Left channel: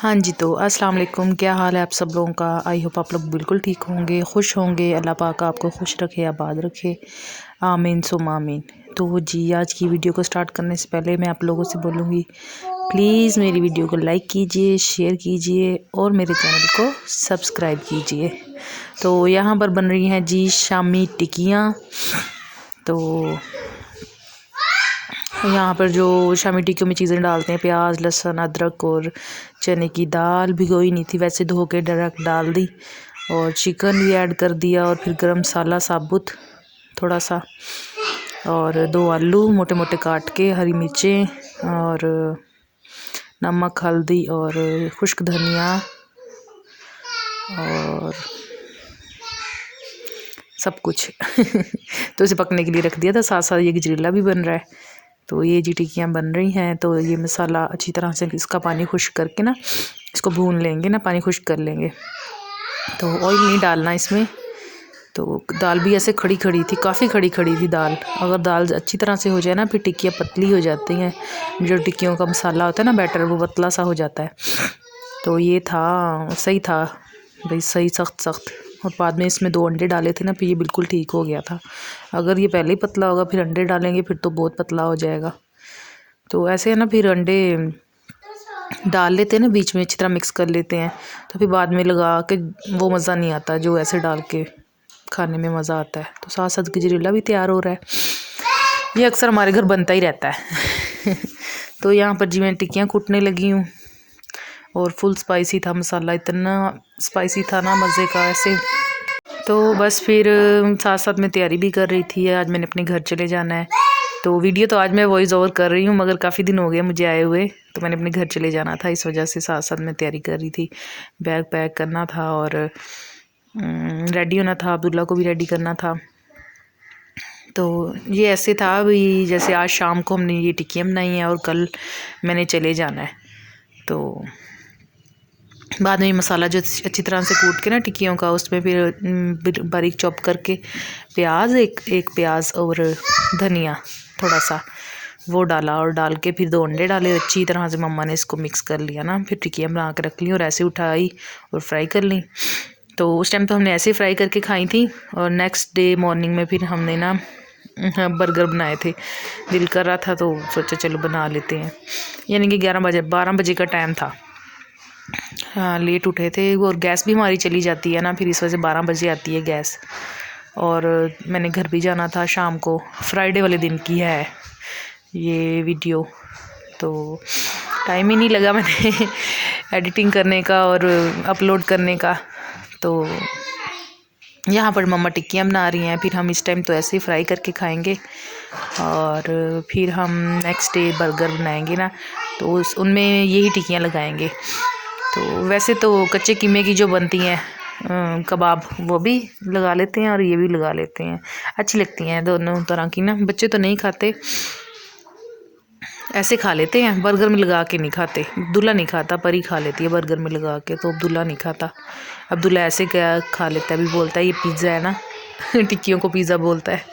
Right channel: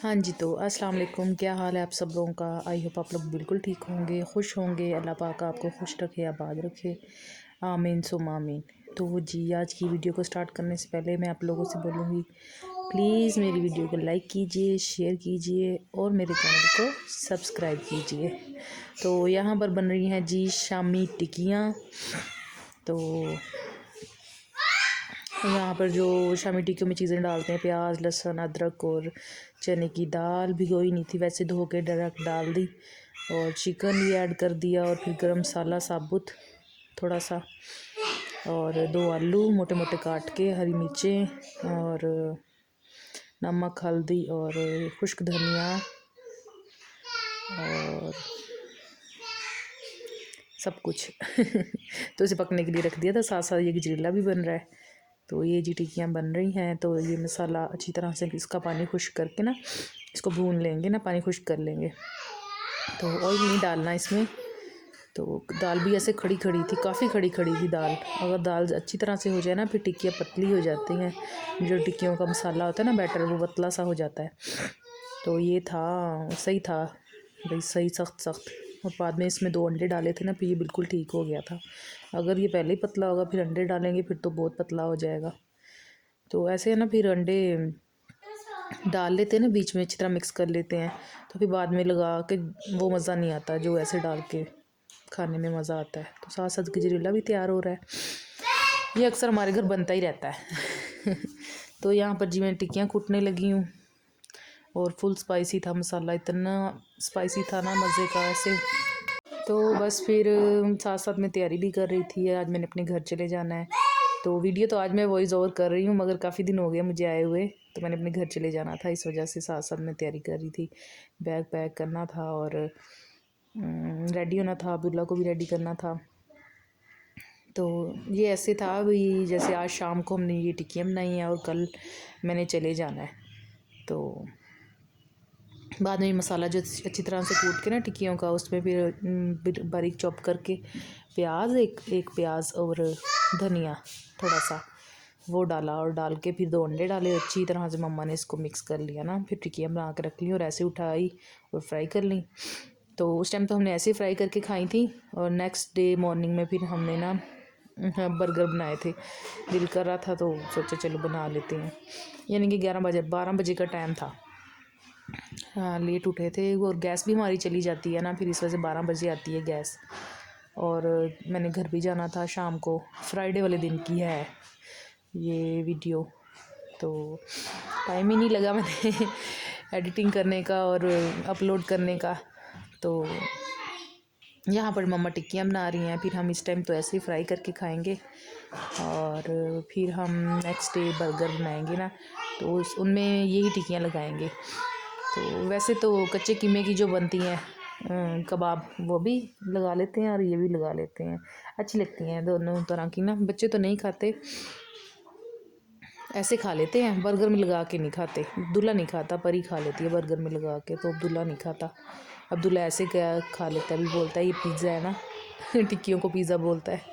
हाँ जी, तो अस्सलाम वालेकुम। क्या हाल है आप सब लोगों का? आई होप आप लोग बिल्कुल ठीक होंगे, खुश होंगे। अल्लाह पाक आपको खुश रखे, आबाद रखे, आमीन सुम आमीन। तो जी, आज की वीडियो को स्टार्ट करने से पहले मैं आप लोगों से बोलूँगी, प्लीज़ मेरी वीडियो को लाइक कीजिए, शेयर कीजिए और मेरे चैनल को सब्सक्राइब कीजिए। तो यहाँ पर बन रही हैं जी शामी टिक्कियाँ। तो यहाँ पर जो शामी टिक्कियों में चीज़ें डालते हैं, प्याज, लहसुन, अदरक और चने की दाल भिगोई नहीं थी, वैसे धो के डायरेक्ट डाल दी और चिकन भी ऐड कर दिया और फिर गरम मसाला साबुत थोड़ा सा और 2 आलू मोटे मोटे काट के, हरी मिर्चें और नमक, हल्दी और खुश्क धनिया और सब कुछ तो इसे पकने के लिए रख दिया था। साथ साथ ये गजरेला भी बन रहा है। तो ये जी टिक्कियाँ बन रही हैं। तो ये मसाला अच्छी तरह से इसका पानी खुश्क करके ना इसको भून लेंगे ना, पानी खुश्क कर लेंगे। तो ऑयल नहीं डालना इसमें। तो दाल भी ऐसे खड़ी खड़ी थी, काफ़ी खड़ी खड़ी थी दाल। अगर दाल अच्छी तरह से हो जाए ना, फिर टिक्कियाँ पतली हो जाती हैं। जो टिक्कियों का मसाला होता है ना, बैटर, वो पतला सा हो जाता है। तो ये था, सही था भाई, सही सख्त सख्त। और बाद में इसमें 2 अंडे डाले थे ना, फिर ये बिल्कुल ठीक हो गया था। अगर ये पहले ही पतला होगा फिर अंडे डालेंगे फिर तो बहुत पतला हो जाएगा। तो ऐसे है ना, फिर अंडे डाल लेते हैं ना बीच में, अच्छी तरह मिक्स कर लेते हैं। तो फिर बाद में लगा के वो मज़ा नहीं आता जो ऐसे डाल के खाने में मज़ा आता है। तो साथ साथ गजरेला भी तैयार हो रहा है। ये अक्सर हमारे घर बनता ही रहता है तो यहाँ पर जी मैं टिक्कियाँ कूटने लगी हूँ और फुल स्पाइसी था मसाला, इतना स्पाइसी था ना, मज़े का ऐसे। तो बस फिर साथ साथ में तैयारी भी कर रही थी। आज मैंने अपने घर चले जाना है। तो वीडियो तो आज मैं वॉइस ओवर कर रही हूँ, मगर काफ़ी दिन हो गए मुझे आए हुए, तो मैंने अपने घर चले जाना था, इस वजह से साथ साथ मैं तैयारी कर रही थी। बैग पैक करना था और रेडी होना था, अब्दुल्ला को भी रेडी करना था। तो ये ऐसे था भी, जैसे आज शाम को हमने ये टिक्कियाँ बनाई हैं और कल मैंने चले जाना है। तो बाद में मसाला जो अच्छी तरह से कूट के ना टिक्कियों का, उसमें फिर बारीक चॉप करके प्याज, एक प्याज और धनिया थोड़ा सा, वो डाला और डाल के फिर 2 अंडे डाले। अच्छी तरह से मम्मा ने इसको मिक्स कर लिया ना, फिर टिक्कियाँ बना के रख ली और ऐसे उठाई और फ्राई कर ली। तो उस टाइम तो हमने ऐसे ही फ्राई करके खाई थी। और नेक्स्ट डे मॉर्निंग में फिर हमने ना बर्गर बनाए थे। दिल कर रहा था तो सोचा चलो बना लेते हैं। यानी कि 12 बजे का टाइम था। हाँ, लेट उठे थे और गैस भी हमारी चली जाती है ना, फिर इस वजह से 12 बजे आती है गैस। और मैंने घर भी जाना था शाम को। फ्राइडे वाले दिन की है ये वीडियो, तो टाइम ही नहीं लगा मैंने एडिटिंग करने का और अपलोड करने का। तो यहाँ पर मम्मा टिक्कियाँ बना रही हैं, फिर हम इस टाइम तो ऐसे ही फ्राई करके खाएंगे और फिर हम नेक्स्ट डे बर्गर बनाएंगे ना, तो उनमें यही टिक्कियाँ लगाएंगे। तो वैसे तो कच्चे कीमे की जो बनती हैं कबाब, वो भी लगा लेते हैं और ये भी लगा लेते हैं, अच्छी लगती हैं दोनों तरह की ना। बच्चे तो नहीं खाते, ऐसे खा लेते हैं, बर्गर में लगा के नहीं खाते। अब्दुल्ला नहीं खाता, परी खा लेती है बर्गर में लगा के, तो अब्दुल्ला नहीं खाता। अब्दुल्ला ऐसे क्या खा लेता है, अभी बोलता है ये पिज़्ज़ा है ना टिक्कियों को पिज़्ज़ा बोलता है।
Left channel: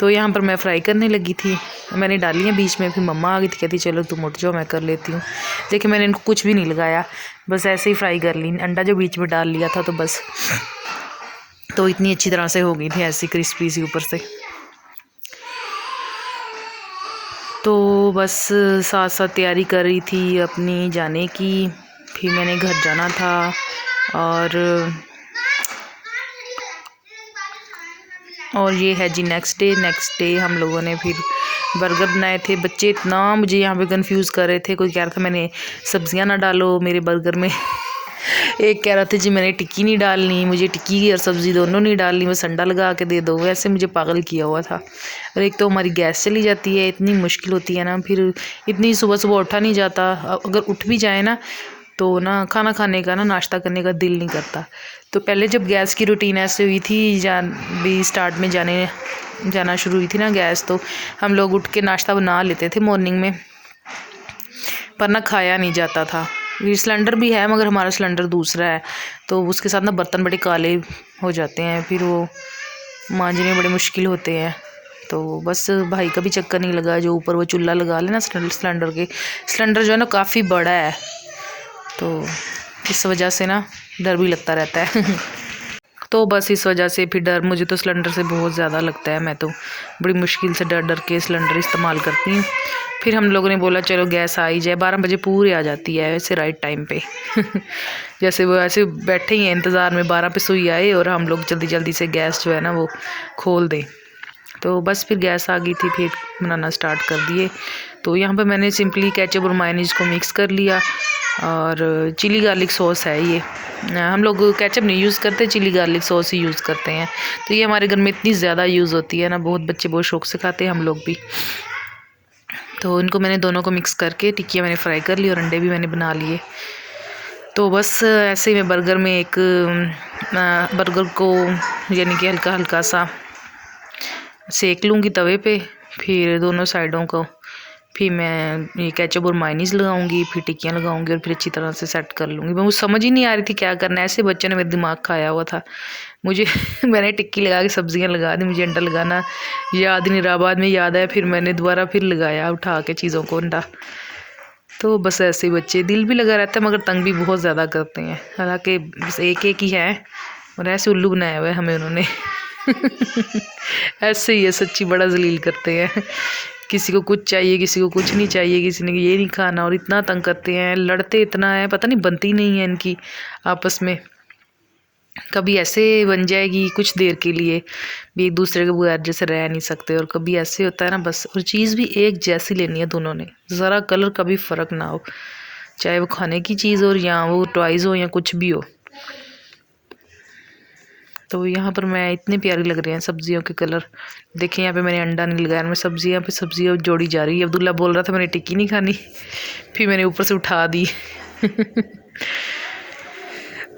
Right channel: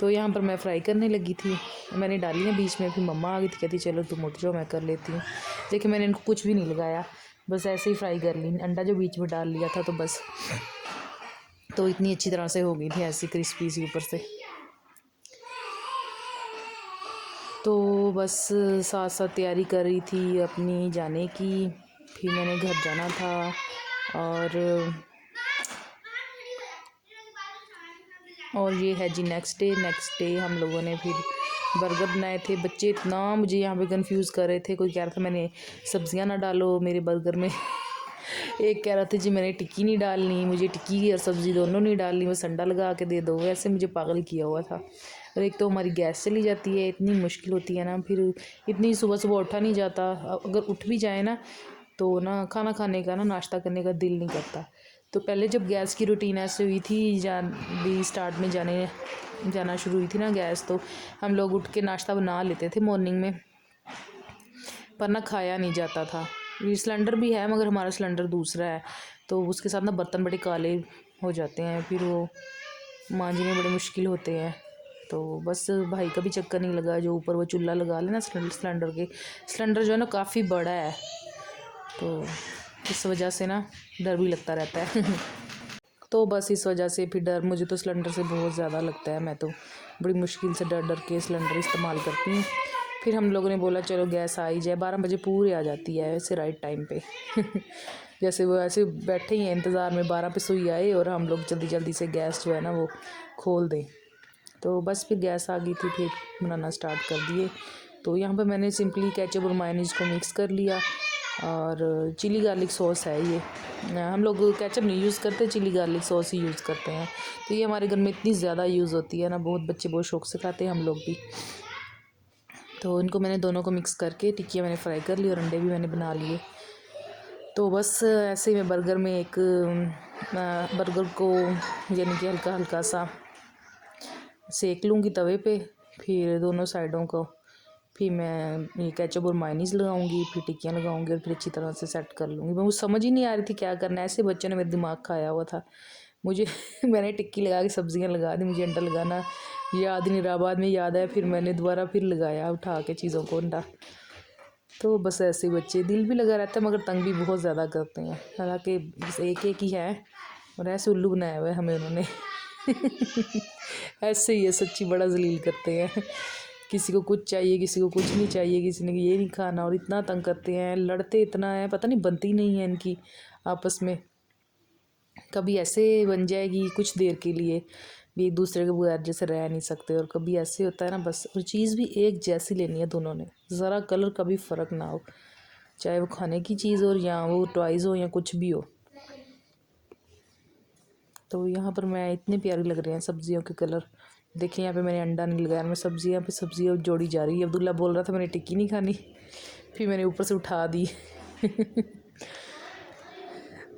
तो यहाँ पर मैं फ्राई करने लगी थी, मैंने डाली है बीच में, फिर मम्मा आ गई थी, कहती चलो तुम उठ जाओ मैं कर लेती हूँ। लेकिन मैंने इनको कुछ भी नहीं लगाया, बस ऐसे ही फ्राई कर ली। अंडा जो बीच में डाल लिया था तो बस, तो इतनी अच्छी तरह से हो गई थी ऐसी क्रिस्पी सी ऊपर से। तो बस साथ साथ तैयारी कर रही थी अपनी जाने की। फिर मैंने घर जाना था और ये है जी नेक्स्ट डे हम लोगों ने फिर बर्गर बनाए थे। बच्चे इतना मुझे यहाँ पे कंफ्यूज कर रहे थे, कोई कह रहा था मैंने सब्जियां ना डालो मेरे बर्गर में एक कह रहा था जी मैंने टिक्की नहीं डालनी, मुझे टिक्की और सब्ज़ी दोनों नहीं डालनी, बस अंडा लगा के दे दो। वैसे मुझे पागल किया हुआ था। और एक तो हमारी गैस चली जाती है, इतनी मुश्किल होती है ना, फिर इतनी सुबह सुबह उठा नहीं जाता। अगर उठ भी जाए ना तो ना खाना खाने का ना, नाश्ता करने का दिल नहीं करता। तो पहले जब गैस की रूटीन ऐसे हुई थी, भी स्टार्ट में जाना शुरू हुई थी ना गैस, तो हम लोग उठ के नाश्ता बना लेते थे मॉर्निंग में, पर ना खाया नहीं जाता था। ये सिलेंडर भी है मगर हमारा सिलेंडर दूसरा है, तो उसके साथ ना बर्तन बड़े काले हो जाते हैं, फिर वो मांजने बड़े मुश्किल होते हैं। तो बस भाई का भी चक्कर नहीं लगा, जो ऊपर वो चूल्हा लगा लेना सिलेंडर जो है ना काफ़ी बड़ा है, तो इस वजह से ना डर भी लगता रहता है। तो बस इस वजह से फिर डर मुझे तो सिलेंडर से बहुत ज़्यादा लगता है। मैं तो बड़ी मुश्किल से डर डर के सिलेंडर इस्तेमाल करती हूँ। फिर हम लोगों ने बोला चलो गैस आ ही जाए, 12 बजे पूरे आ जाती है वैसे राइट टाइम पे। जैसे वो ऐसे बैठे ही हैं इंतज़ार में, 12 पे सुई आए और हम लोग जल्दी जल्दी से गैस जो है ना वो खोल दें। तो बस फिर गैस आ गई थी, फिर बनाना स्टार्ट कर दिए। तो यहाँ पर मैंने सिंपली केचप और मायोनीज को मिक्स कर लिया और चिली गार्लिक सॉस है ये। हम लोग केचप नहीं यूज़ करते, चिली गार्लिक सॉस ही यूज़ करते हैं। तो ये हमारे घर में इतनी ज़्यादा यूज़ होती है ना, बहुत बच्चे बहुत शौक से खाते हैं, हम लोग भी। तो इनको मैंने दोनों को मिक्स करके टिक्कियाँ मैंने फ्राई कर ली और अंडे भी मैंने बना लिए। तो बस ऐसे ही मैं बर्गर में एक बर्गर को यानी कि हल्का हल्का सा सेक लूँगी तवे पे, फिर दोनों साइडों को फिर मैं ये केचप और मायोनीज़ लगाऊंगी, फिर टिक्कियाँ लगाऊंगी और फिर अच्छी तरह से सेट कर लूँगी। मुझे समझ ही नहीं आ रही थी क्या करना है, ऐसे बच्चों ने मेरा दिमाग खाया हुआ था मुझे। मैंने टिक्की लगा के सब्जियाँ लगा दी, मुझे अंडा लगाना याद नहीं रहा। बाद में याद आया, फिर मैंने दोबारा फिर लगाया उठा के चीज़ों को अंडा। तो बस ऐसे ही बच्चे, दिल भी लगा रहता है मगर तंग भी बहुत ज़्यादा करते हैं। हालांकि बस एक एक ही है और ऐसे उल्लू बनाया हुआ है हमें उन्होंने। ऐसे ही है सच्ची, बड़ा जलील करते हैं। किसी को कुछ चाहिए, किसी को कुछ नहीं चाहिए, किसी ने ये नहीं खाना और इतना तंग करते हैं, लड़ते इतना है, पता नहीं बनती नहीं है इनकी आपस में। कभी ऐसे बन जाएगी कुछ देर के लिए भी एक दूसरे के बगैर जैसे रह नहीं सकते, और कभी ऐसे होता है ना बस। और चीज़ भी एक जैसी लेनी है दोनों ने, ज़रा कलर का भी फ़र्क ना हो, चाहे वो खाने की चीज़ हो या वो टॉयज़ हो या कुछ भी हो। तो यहाँ पर मैं इतने प्यारी लग रहे हैं सब्जियों के कलर। देखिए यहाँ पे मैंने अंडा नहीं लगाया, मैं सब्जियाँ पे सब्जियाँ जोड़ी जा रही है। अब्दुल्ला बोल रहा था मैंने टिक्की नहीं खानी, फिर मैंने ऊपर से उठा दी।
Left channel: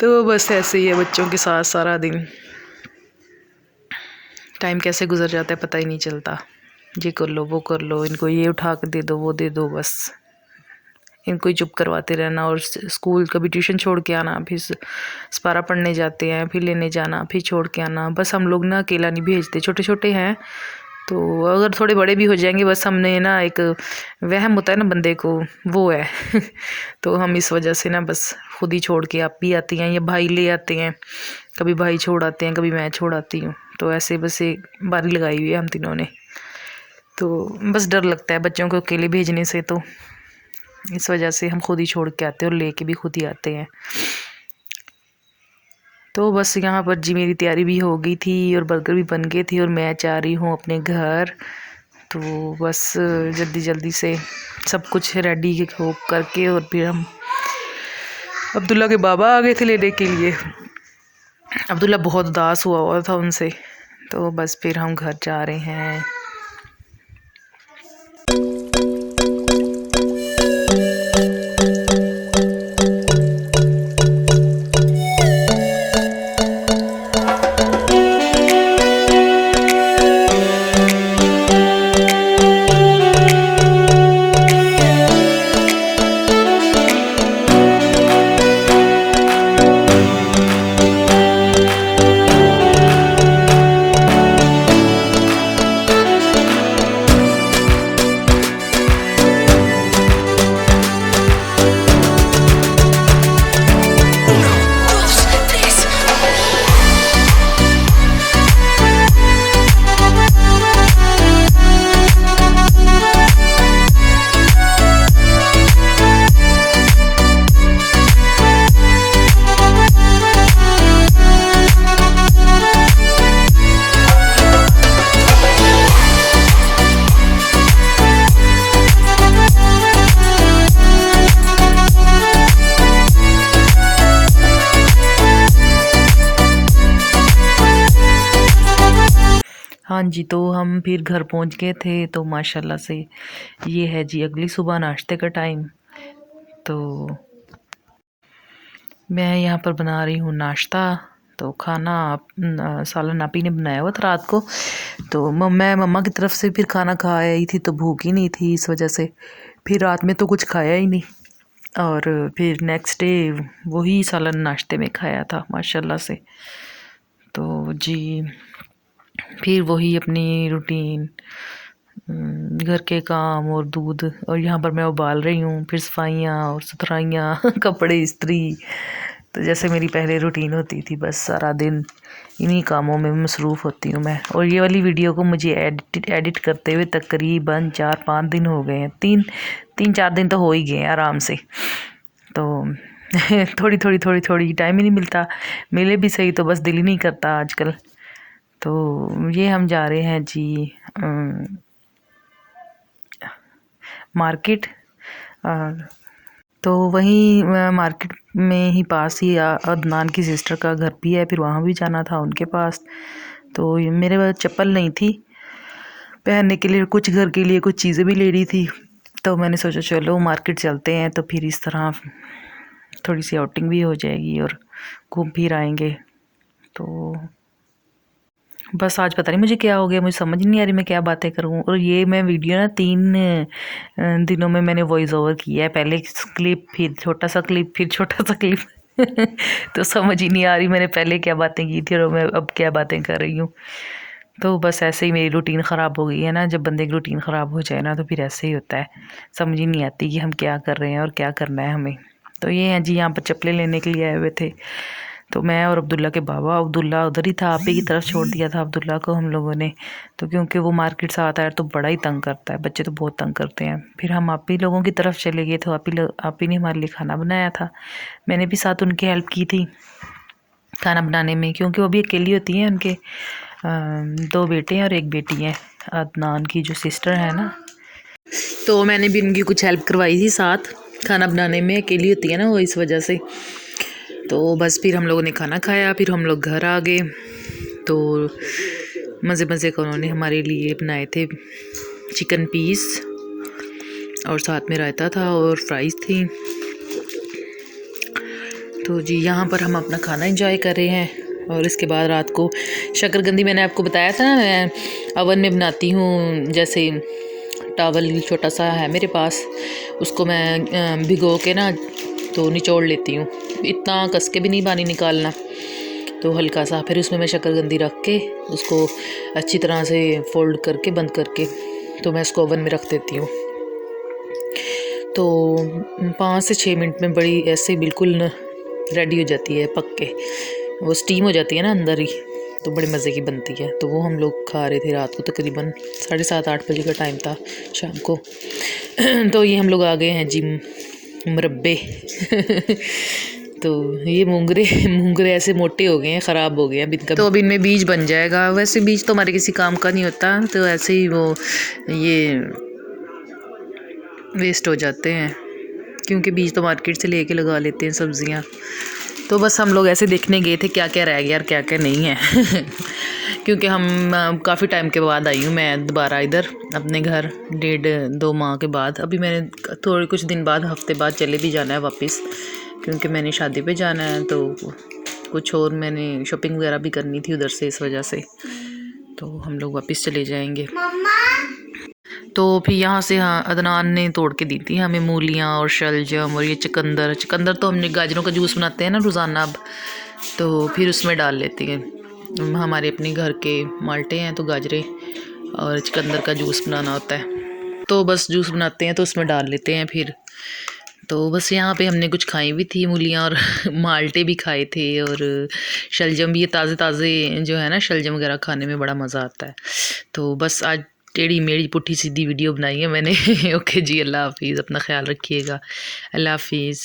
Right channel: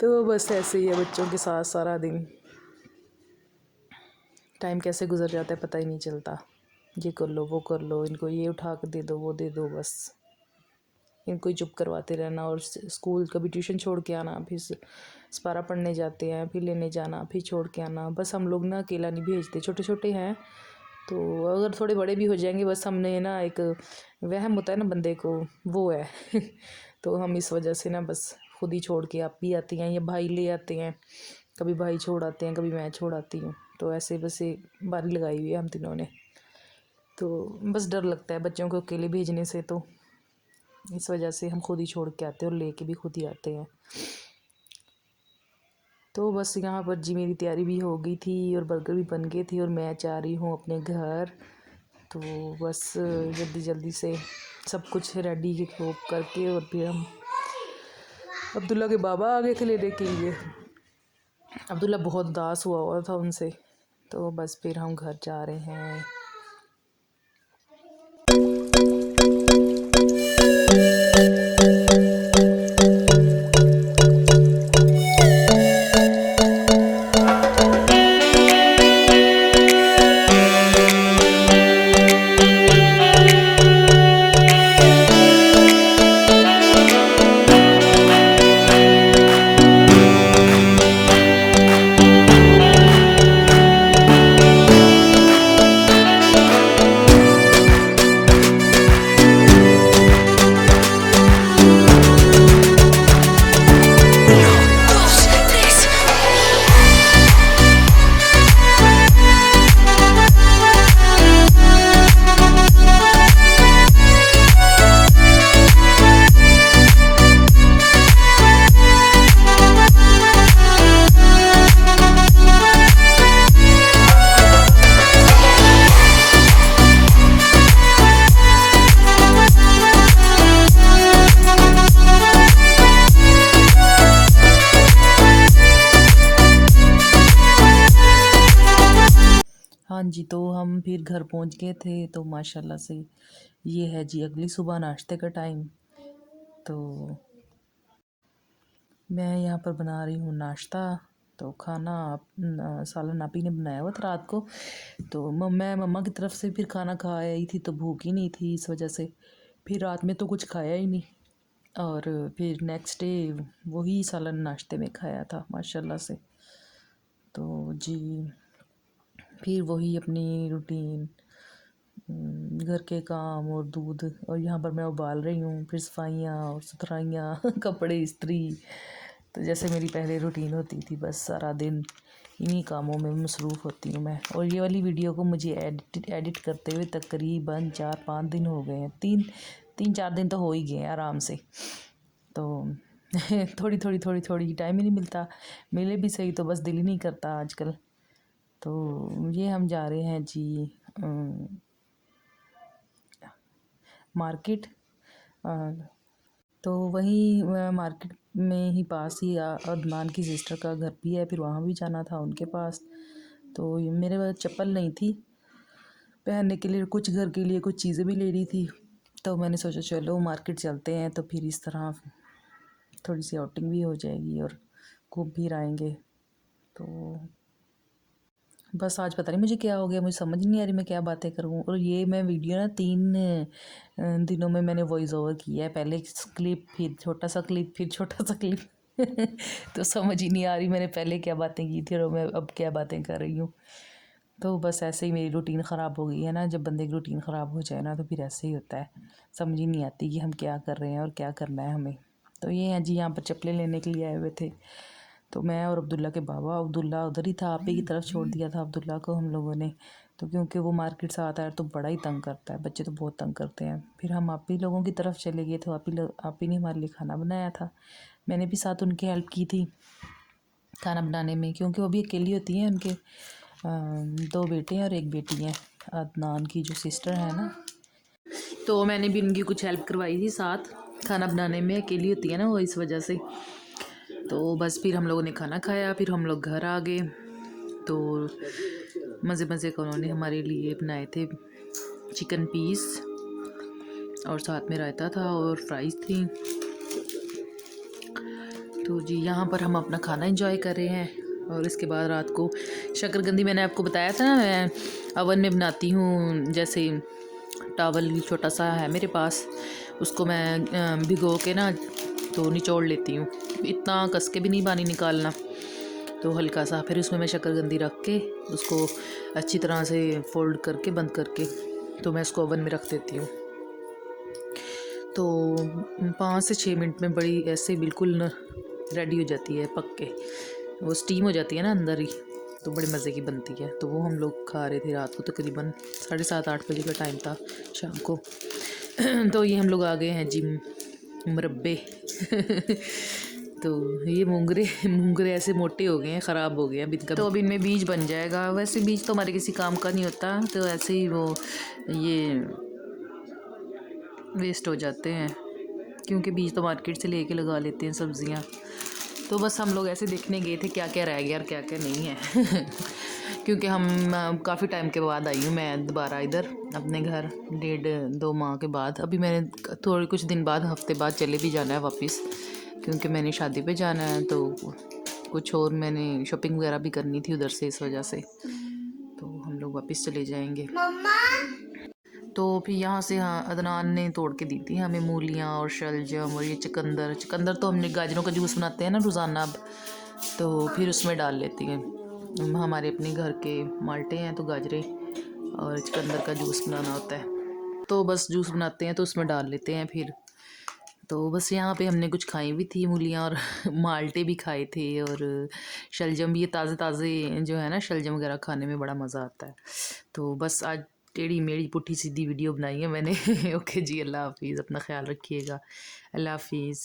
तो बस ऐसे ही है बच्चों के साथ सारा दिन, टाइम कैसे गुजर जाता है पता ही नहीं चलता। ये कर लो वो कर लो, इनको ये उठा के दे दो वो दे दो, बस इनको ही चुप करवाते रहना। और स्कूल कभी ट्यूशन छोड़ के आना, फिर स्पारा पढ़ने जाते हैं, फिर लेने जाना, फिर छोड़ के आना। बस हम लोग ना अकेला नहीं भेजते, छोटे छोटे हैं तो अगर थोड़े बड़े भी हो जाएंगे, बस हमने ना एक वहम होता है ना बंदे को, वो है। तो हम इस वजह से ना बस खुद ही छोड़ के आप भी आती हैं या भाई ले आते हैं, कभी भाई छोड़ आते हैं, कभी मैं छोड़ आती हूँ। तो ऐसे बस एक बारी लगाई हुई है हम तीनों ने। तो बस डर लगता है बच्चों को अकेले भेजने से, तो इस वजह से हम खुद ही छोड़ के आते हैं और लेके भी खुद ही आते हैं। तो बस यहाँ पर जी मेरी तैयारी भी हो गई थी और बर्गर भी बन गए थे और मैं जा रही हूँ अपने घर। तो बस जल्दी जल्दी से सब कुछ रेडी हो करके और फिर हम अब्दुल्ला के बाबा आ गए थे लेने के लिए। अब्दुल्ला बहुत उदास हुआ था उनसे, तो बस फिर हम घर जा रहे हैं। हाँ जी, तो हम फिर घर पहुंच गए थे। तो माशाल्लाह से ये है जी अगली सुबह नाश्ते का टाइम। तो मैं यहाँ पर बना रही हूँ नाश्ता। तो खाना सालन आपी ने बनाया हुआ था रात को, तो मैं मम्मा की तरफ से फिर खाना खा आई थी, तो भूख ही नहीं थी, इस वजह से फिर रात में तो कुछ खाया ही नहीं। और फिर नेक्स्ट डे वही सालन नाश्ते में खाया था माशाल्लाह से। तो जी फिर वही अपनी रूटीन घर के काम और दूध, और यहाँ पर मैं उबाल रही हूँ, फिर सफाइयाँ और सुथराइयाँ कपड़े इस्त्री। तो जैसे मेरी पहले रूटीन होती थी, बस सारा दिन इन्हीं कामों में मसरूफ़ होती हूँ मैं। और ये वाली वीडियो को मुझे एडिट करते हुए तकरीबन 4-5 दिन हो गए हैं, 3-4 दिन तो हो ही गए हैं आराम से। तो थोड़ी टाइम ही नहीं मिलता, मिले भी सही तो बस दिल ही नहीं करता आजकल। तो ये हम जा रहे हैं जी मार्केट। तो वहीं मार्केट में ही पास ही अदनान की सिस्टर का घर भी है, फिर वहाँ भी जाना था उनके पास। तो मेरे पास चप्पल नहीं थी पहनने के लिए, कुछ घर के लिए कुछ चीज़ें भी लेनी थी। तो मैंने सोचा चलो मार्केट चलते हैं, तो फिर इस तरह थोड़ी सी आउटिंग भी हो जाएगी और घूम फिर आएंगे। तो बस आज पता नहीं मुझे क्या हो गया, मुझे समझ नहीं आ रही मैं क्या बातें करूँ। और ये मैं वीडियो ना 3 दिनों में मैंने वॉइस ओवर किया है, पहले क्लिप फिर छोटा सा क्लिप फिर छोटा सा क्लिप तो समझ ही नहीं आ रही मैंने पहले क्या बातें की थी और मैं अब क्या बातें कर रही हूँ। तो बस ऐसे ही मेरी रूटीन ख़राब हो गई है ना, जब बंदे की रूटीन ख़राब हो जाए ना तो फिर ऐसे ही होता है, समझ ही नहीं आती कि हम क्या कर रहे हैं और क्या करना है हमें। तो ये हैं जी, यहाँ पर चप्पलें लेने के लिए आए हुए थे। तो मैं और अब्दुल्ला के बाबा, अब्दुल्ला उधर ही था, आप ही की तरफ छोड़ दिया था अब्दुल्ला को हम लोगों ने। तो क्योंकि वो मार्केट से आता है तो बड़ा ही तंग करता है, बच्चे तो बहुत तंग करते हैं। फिर हम आप ही लोगों की तरफ चले गए, तो आप ही ने हमारे लिए खाना बनाया था। मैंने भी साथ उनकी हेल्प की थी खाना बनाने में, क्योंकि वो भी अकेली होती हैं, उनके 2 बेटे हैं और 1 बेटी है, अदनान की जो सिस्टर है ना। तो मैंने भी उनकी कुछ हेल्प करवाई थी साथ खाना बनाने में, अकेली होती है ना वो, इस वजह से। तो बस फिर हम लोगों ने खाना खाया, फिर हम लोग घर आ गए। तो मज़े मज़े का उन्होंने हमारे लिए बनाए थे चिकन पीस, और साथ में रायता था और फ्राइज़ थी। तो जी यहाँ पर हम अपना खाना एंजॉय कर रहे हैं। और इसके बाद रात को शक्करकंदी, मैंने आपको बताया था ना मैं अवन में बनाती हूँ, जैसे टावल छोटा सा है मेरे पास, उसको मैं भिगो के ना तो निचोड़ लेती हूँ, इतना कस के भी नहीं पानी निकालना, तो हल्का सा। फिर उसमें मैं शक्करकंदी रख के उसको अच्छी तरह से फोल्ड करके बंद करके तो मैं उसको ओवन में रख देती हूँ। तो 5 से 6 मिनट में बड़ी ऐसे बिल्कुल रेडी हो जाती है, पक के वो स्टीम हो जाती है ना अंदर ही, तो बड़े मज़े की बनती है। तो वो हम लोग खा रहे थे रात को, तकरीबन 7:30-8 बजे का टाइम था शाम को। तो ये हम लोग आ गए हैं जी मुरब्बे तो ये मूंगरे ऐसे मोटे हो गए हैं, ख़राब हो गए हैं इनका, तो अब इनमें बीज बन जाएगा। वैसे बीज तो हमारे किसी काम का नहीं होता, तो ऐसे ही वो ये वेस्ट हो जाते हैं, क्योंकि बीज तो मार्केट से लेके लगा लेते हैं सब्ज़ियाँ। तो बस हम लोग ऐसे देखने गए थे क्या क्या रह गया और क्या क्या नहीं है क्योंकि हम काफ़ी टाइम के बाद आई हूँ मैं दोबारा इधर अपने घर, 1.5-2 माह के बाद। अभी मैंने थोड़े कुछ दिन बाद, हफ्ते बाद चले भी जाना है वापस, क्योंकि मैंने शादी पे जाना है, तो कुछ और मैंने शॉपिंग वगैरह भी करनी थी उधर से, इस वजह से तो हम लोग वापस चले जाएंगे। तो फिर यहाँ से, हाँ, अदनान ने तोड़ के दी थी हमें मूलियाँ और शलजम और ये चुकंदर तो हमने गाजरों का जूस बनाते हैं ना रोज़ाना अब, तो फिर उसमें डाल लेते हैं। हमारे अपने घर के माल्टे हैं तो गाजरे और चुकंदर का जूस बनाना होता है, तो बस जूस बनाते हैं तो उसमें डाल लेते हैं फिर। तो बस यहाँ पे हमने कुछ खाई भी थी मूलियाँ और माल्टे भी खाए थे, और शलजम भी, ये ताज़े ताज़े जो है ना शलजम वगैरह खाने में बड़ा मज़ा आता है। तो बस आज टेढ़ी मेढ़ी पुट्ठी सीधी वीडियो बनाई है मैंने ओके जी, अल्लाह हाफिज़, अपना ख्याल रखिएगा, अल्लाह हाफिज़।